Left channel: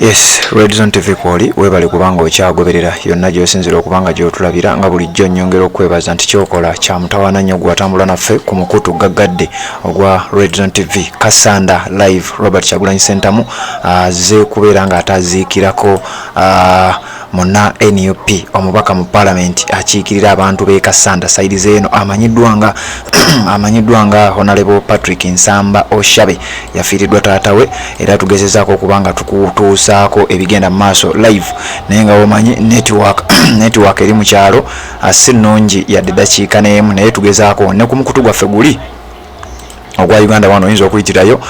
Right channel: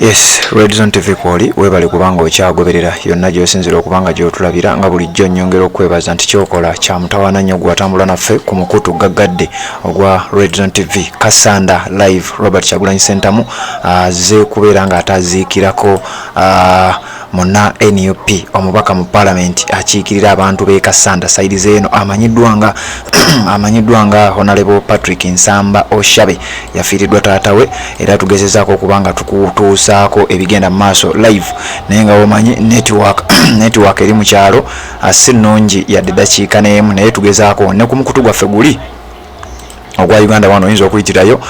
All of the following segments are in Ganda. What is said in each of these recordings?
Yes, Red Zone TV kwoli webale kubanga okyagoberera yonna gy'osinzira okubanga gy'otulabira nga bulijjo nnyongera okwebaza nti kyokola kya mutawaana nnyo gwatambula naffe ku mukutu gaggadde ogwa Red Zone TV. Kasanda live Robert Kyagulanyi Ssentamu azze kubeera nga ataziikirako muna NUP omubaka mu parliament akiikirira abantu b'e Kasanda side zeeno amanyiddwa nga Honorable Patrick Nsamba Oshabe yafiiriddwa taatawe era tugezezaako okubanga tukutuusaako ebigenda mu maaso live naye nga omanyi network eri mu kyalo si nnungi yadde dakiika n'emu naye tugezaako ne ku mukutu gwaffe guli ogwa Uganda wano oyinza okuyitirayo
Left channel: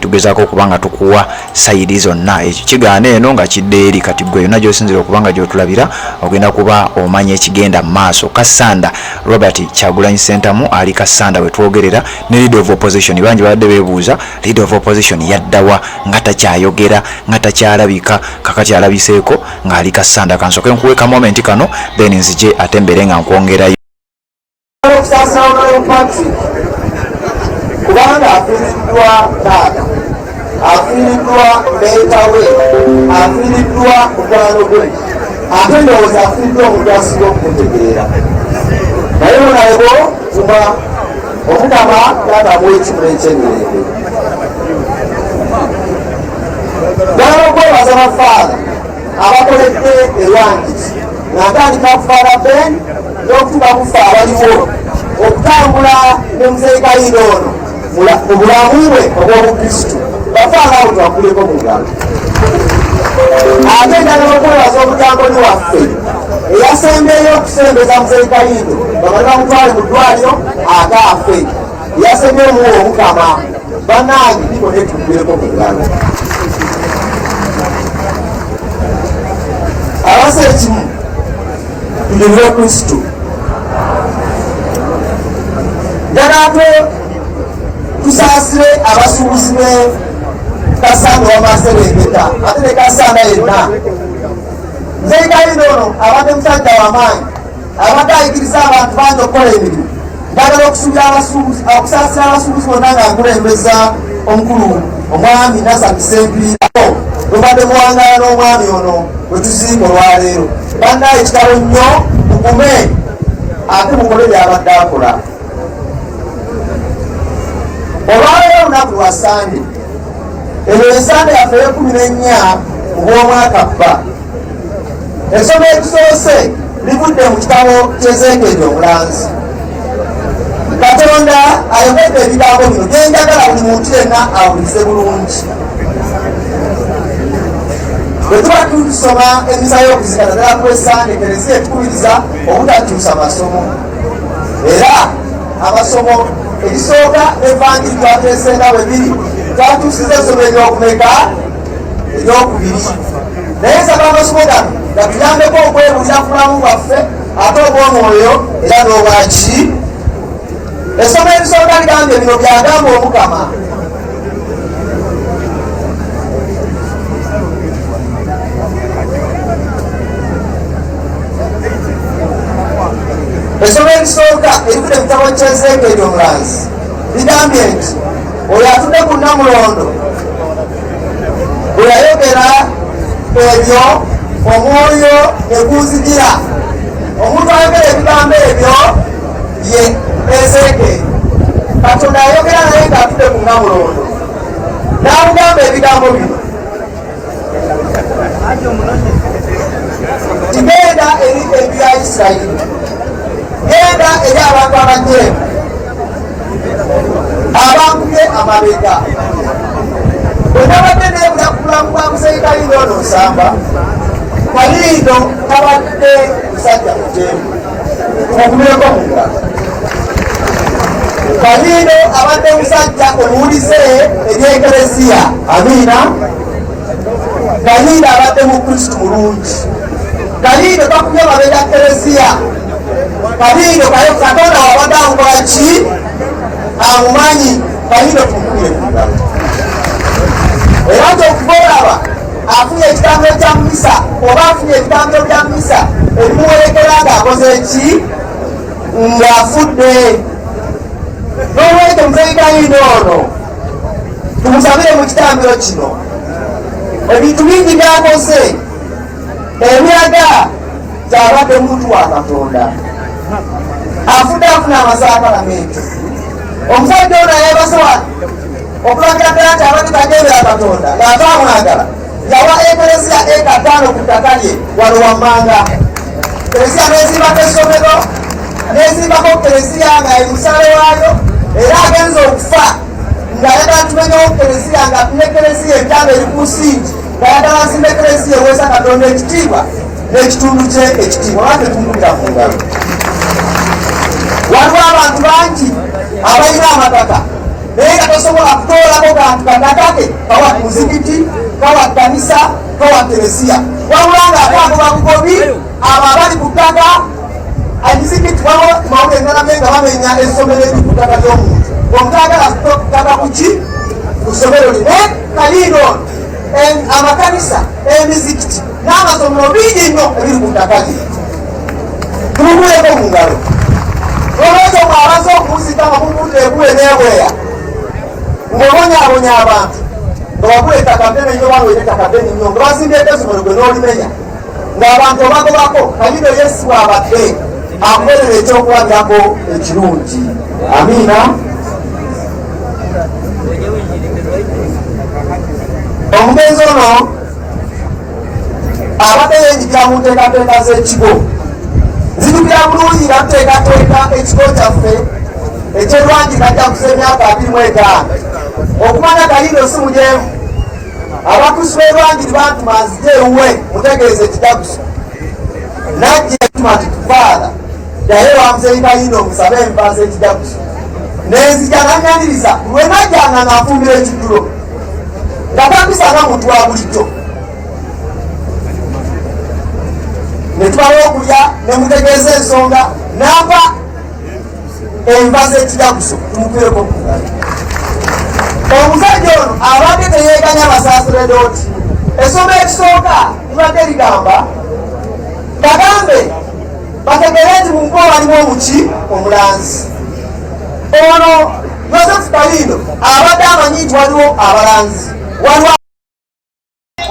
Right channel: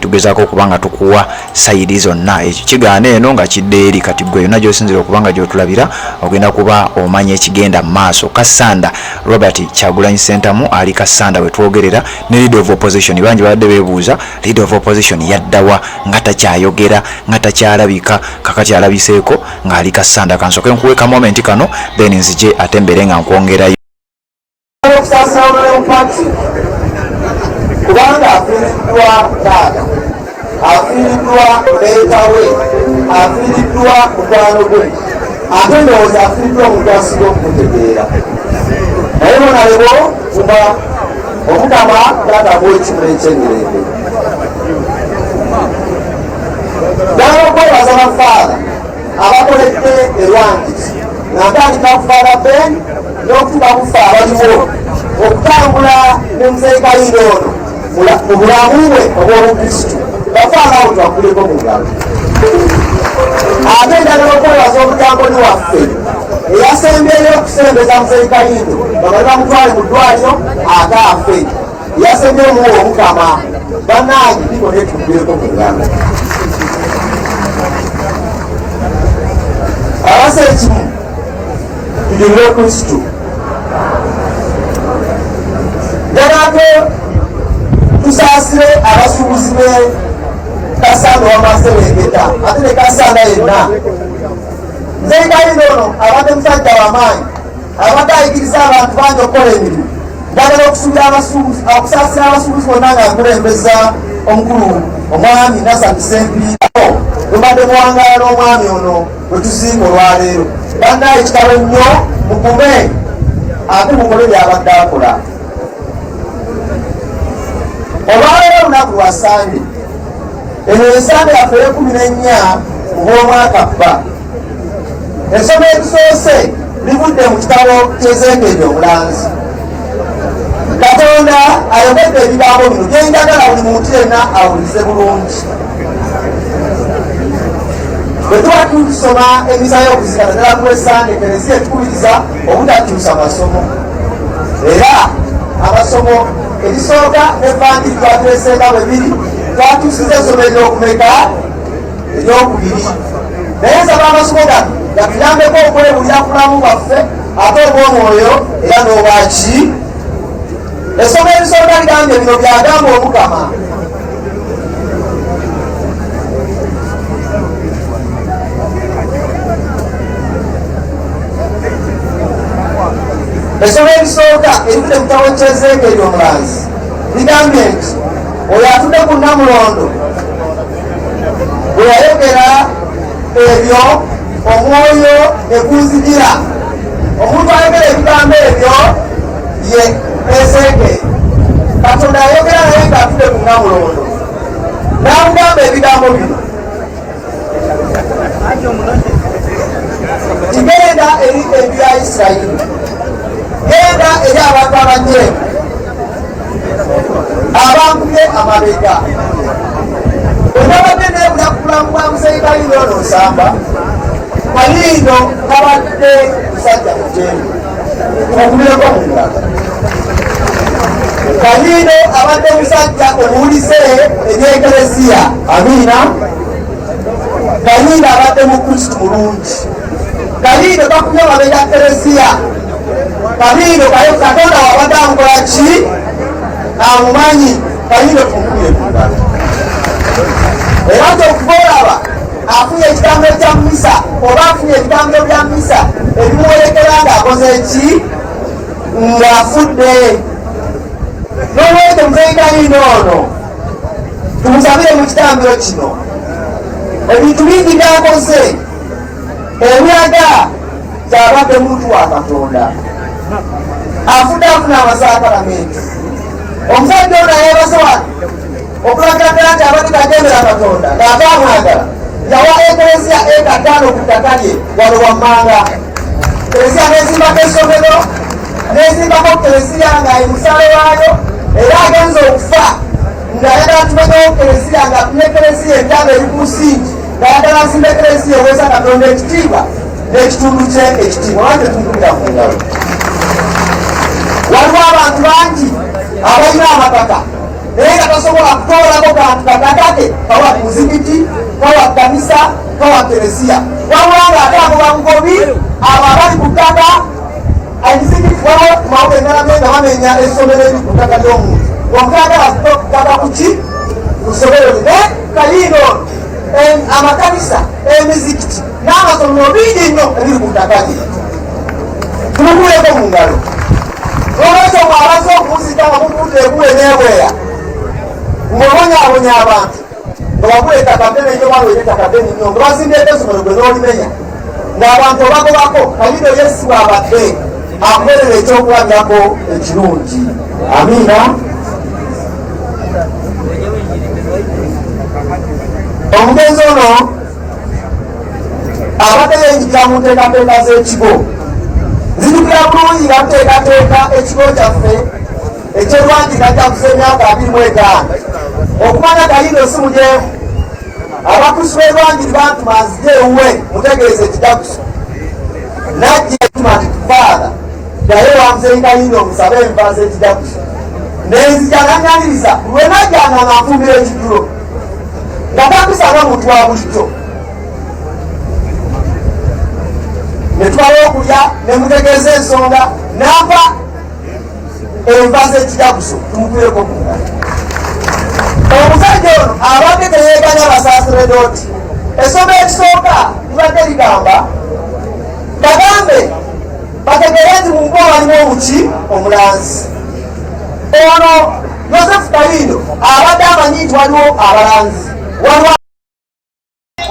tugezaako okubanga tukuwa sayidi zonna ekyo kigaana eno nga kidde eri kati gwe yonna gy'osinzira okubanga gy'otulabira ogenda kuba omanya ekigenda mu maaso. Kasanda Robert Kyagulanyi Ssentamu ali Kasanda we twogerera ne leader of opposition bangi badde beebuuza leader of opposition yaddawa nga takyayogera nga takyalabika kakati alabiseeko ng'ali Kasanda. Kansoke nkuweka moment kano then nzije ate mbere nga nkwongerayo kubanga afiiriddwa taata, afiiriddwa leetawe, afiiriddwa mukwano gwe, ate ndowooza afiiriddwa omuntu asinga okumutegeera. Naye bonalebo kuba omukama taata bw'ekimu n'ekyengerende. Njagala okwebaza bafaala abakoledde erwangiti nga ntandika kufaala Ben n'okutuuka kufa abaliwo okutambula ne Muzeekayiro ono mu bulamu bwe obw'Obukristu bafaala abo twakuleko mu ngalo. Ate njagala okwebaza omutambuli waffe eyasembeyo okusembeza Muzeekayiro bamale bamutwale mu ddwaliro ate afe eyasembeyo omukama bannange biko ne tukuleko mu ngalo. Abasa ekimu tunyumire Kristu. Njagala tusaasire abasuubuzi be Kasanda w'Amaserengeta ate ne Kasanda yenna. Muzeekayiro ono abadde musajja w'amaanyi abadde ayigiriza abantu bangi okukola emirimu. Njagala okusaasira abasuubuzi bonna ng'akulembeza omukulu omwami Nassar Sempirito mubadde muwangaala n'omwami ono bwe tuziika olwaleero. Bannaye kitalo nnyo mukume ate mukole byabadde akola. Olwaleero olunaku lwa Sande, eno ensande yaffe ey'e14 ku bw'omwaka bba. Essomo erisoose livudde mu kitabo ky'Ezeekyeri omulanzi. Katonda ayogedde ebigambo bino bye njagala buli muntu yenna awulize bulungi. Bwe tuba tusoma emisa y'okuzika naddala ku Lwesande, Eklezia etukubiriza obutakyusa masomo. Era amasomo erisooka n'evangiri twateesenda bwe biri twatuusiza essomo eryokumeka eryokubiri. Naye nsaba amasomo gano gatuyambeko okwebulira ku bulamu bwaffe ate obw'omwoyo era n'obwaki. Essomo erisooka ligambye bino byagamba omukama. Essomo erisooka erivudde mu kitabo ky'Ezeekyeri omulanzi ligambye nti oyo atudde ku Namulondo bwe yayogera ebyo omwoyo ne gunzigira. Omuntu ayogera ebigambo ebyo ye Ezeekyeri. Katonda ayogera naye ng'atudde ku Namulondo n'amugamba ebigambo bino. Tigenda eri enju ya Isirayiri, genda eri abantu abanjeemu abankubye amabega. Bwe nabadde neebuza ku bulamu bwa Muzeekayiro ono Nsamba, Kalindo kabadde musajja mujeemu omukubireko mu ngalo. Kalindo abadde musajja omuwulize eri Eklezia. Amiina. Kalindo abadde mu Kristu mulungi. Kalindo kakubye amabega Eklezia. Kalindo Katonda wabadde amukola ki? Amumanyi. Kalindo tumukubire ku ngalo. Era nti okuva olaba afunye ekitambiro kya misa oba afunye ebitambiro bya misa ebimuwerekera ng'akoze ki? Ng'afudde. N'olwekyo Muzeekayiro ono tumusabire mu kitambiro kino ebintu bingi byakoze emyaga gyabadde muntu wa Katonda afudde afuna amasaakalamenti omusajja ono yeebasowa okulaga ddala nti abadde tagendera Katonda ng'ava amwagala yawa ekereziya eka 5 ku ttaka lye wano wammanga kereziya nezimbako essomero nezimbako kereziya nga emusale waayo era agenza okufa ng'ayagala tumenyewo kereziya nga ne kereziya entanga eri ku musingi ng'ayagala nzimba ekereziya eweesa Katonda ekitiibwa n'ekitundu kye ekitiibwa lwaki tunkubira mu ngalo. Waliwo abantu bangi abalina amataka naye nga tosobola kutoolako kantu kataka ke kawa muzikiti kawa kanisa kawa kereziya wabula ng'akagoba bugobi abo abali ku ttaka emizikiti wawo kumawuga engalame nga bamenya essomero eri ku ttaka ly'omuntu omutagala ttaka kuki ku ssomero lye naye kaliino amakanisa emizikiti n'amasomero bingi nnyo ebiri ku ttaka lye tumuguleko mu ngalo. Olwekyo bw'abaza okumuzika nga muvudde egule n'ebweya ng'obonyabonya abantu nga bagula ettaka ddene nnyo balwera ettaka ddene nnyo nga bazimbyeeko essomero gwe n'olimenya ng'abantu obagobako kalido Yesu bw'abadde akuberera ekyokulabirako ekirungi. Amiina. Omugenzi ono abadde yenjikira mu nteekateeka z'ekigo nzijukira bulungi nga tuteekateeka ekigo kyaffe ekyerwanjika kyakusa emyaka 25 okumanya kalindo si mujeemu abakusu b'erwangiri bantu manzije ewuwe mutegeeza ekijaguzo najja etuma nti tufaala naye wamuzeyi kalindo omusabe enva z'ekijaguzo nenzija nanyaniriza lwe najjanga ng'anfumbira ekijjulo nga takusanga muntu wa bulijjo netumala okulya nemutegeeza ensonga namba enva z'ekijaguzo tumukuleko mungalo. Omusajja ono abadde teyeeganya basaasire dooti essomo ekisooka libadde ligamba bagambe bategere nti mu mkoa walimu omuki omulanzi ono Yosefu Kalindo abadde amanyi nti waliwo abalanzi waliwo.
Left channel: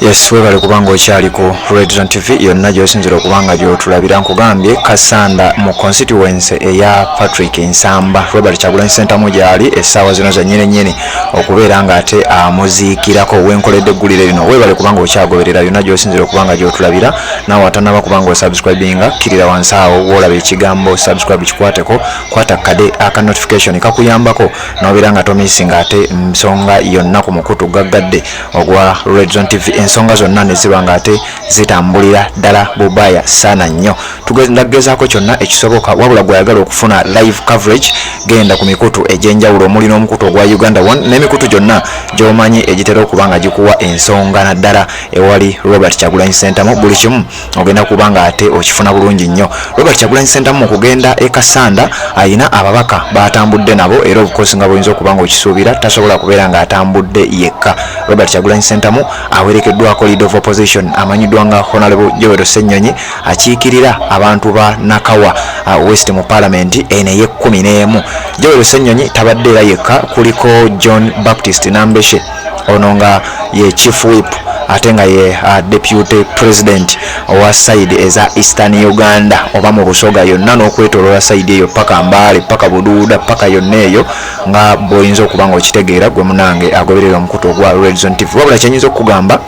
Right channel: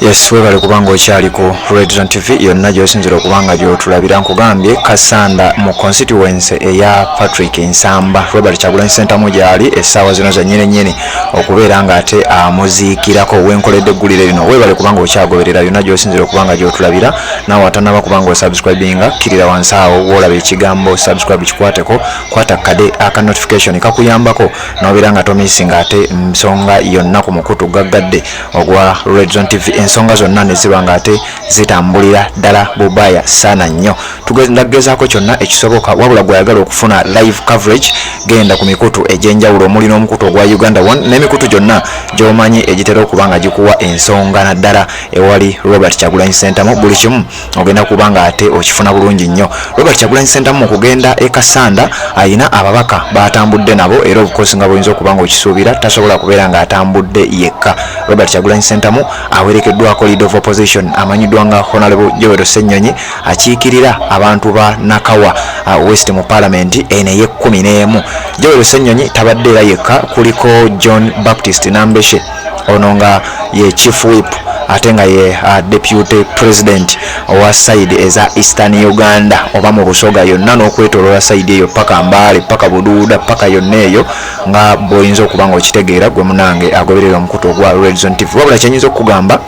Yes, webale kubanga okyali ku Red Zone TV yonna gy'osinzira okubanga gy'otulabira nkugambye Kasanda mu constituency eya Patrick Nsamba Robert Kyagulanyi Ssentamu gyali essaawa zino za nnyini okubeera ng'ate amuziikirako wenkoledde eggulire lino. Webale kubanga okyagoberera yonna gy'osinzira okubanga gy'otulabira naawe atanaba kubanga osubscribinga kirira wansi awo w'olaba ekigambo subscribe kikwateko kwata kade aka notification kakuyambako n'obeera nga tomisinga ate nsonga yonna ku mukutu gaggadde ogwa Red Zone TV. Ensonga zonna ne ziba ng'ate zitambulira ddala bubaya sana nnyo. Ndagezaako kyonna ekisoboka wabula gw'ayagala okufuna live coverage genda ku mikutu egy'enjawulo omuli n'omukutu ogwa Uganda One n'emikutu gyonna gy'omanyi egitera okuba nga gikuwa ensonga naddala ewali Robert Kyagulanyi Ssentamu buli kimu ogenda kuba nga ate okifuna bulungi nnyo. Robert Kyagulanyi Ssentamu okugenda e Kasanda ayina ababaka batambudde nabo era obukosi nga buyinza okuba nga okisuubira tasobola kubeera ng'atambudde yekka. Robert Kyagulanyi Ssentamu awerekeddwako leader of opposition amanyiddwa nga Honorable Joel Ssennyonyi akiikirira abantu ba Nakawa West mu Parliament ene ye 11. Joel Ssennyonyi tabadde era yekka kuliko John Baptist Nambeshe ono nga ye chief whip ate nga ye deputy president owa side eza Eastern Uganda oba mu Busoga yonna n'okwetoloola side eyo paka Mbale paka Buduuda paka yonna eyo nga boyinza okuba nga okitegeera gwe munange agoberera omukutu ogwa Red Zone TV. Wabula kyenyinza okugamba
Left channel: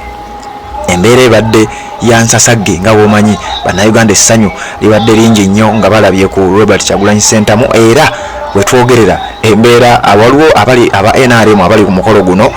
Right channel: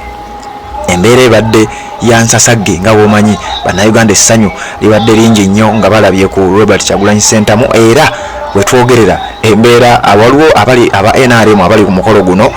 embeera ebadde yansasagge nga bwomanyi bannayuganda essanyu libadde lingi nnyo nga balabye ku Robert Kyagulanyi Ssentamu era wetwogerera embeera waliwo abali aba NRM abali ku mukolo guno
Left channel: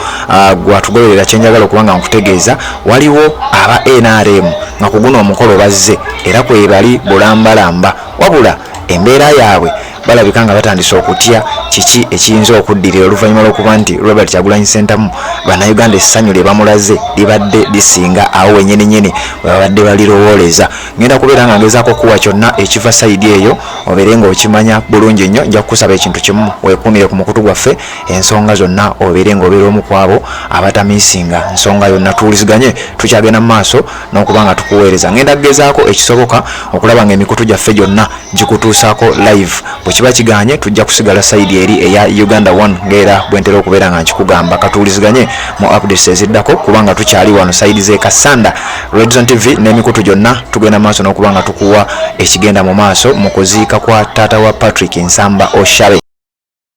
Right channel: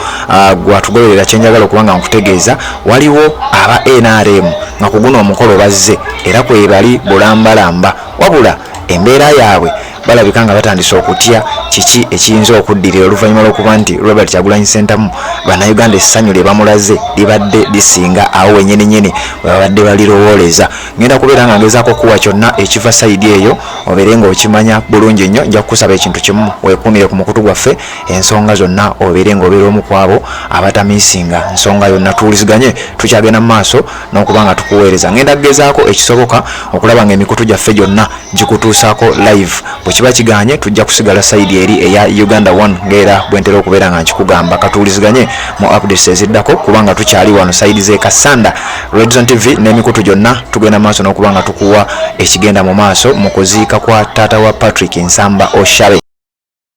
gwatugoberera kyenjagala okubanga nkutegeeza waliwo aba NRM nga ku guno omukolo bazze era kwe bali bulambalamba wabula embeera yaabwe balabika nga batandise okutya kiki ekiyinza okuddirira oluvannyuma lw'okuba nti Robert Kyagulanyi Ssentamu bannayuganda essanyu lye bamulaze libadde lisinga awo wenyininyini webabadde balirowooleza. Ngenda kubeera nga ngezaako okuwa kyonna ekiva sayidi eyo obeere nga okimanya bulungi nnyo. Nja kukusaba ekintu kimu weekuumire ku mukutu gwaffe ensonga zonna obeere nga obeera omu ku abo abatamiisinga nsonga yonna tuwuliziganye tukyagenda mu maaso n'okuba nga tukuweereza. Ngenda kugezaako ekisoboka okulaba nga emikutu gyaffe gyonna gikutuusaako live bwekiba kiganye tujja kusigala side eri eya Uganda 1 ngera bwentera okubeera nga nkikugamba. Katuuliziganye mu updates eziddako kubanga tukyali wano side ze Kasanda Red Zone TV n'emikutu gyonna tugenda maaso n'okubanga tukuwa ekigenda mu maaso mu kuziika kwa taata wa Patrick Nsamba Oshabe.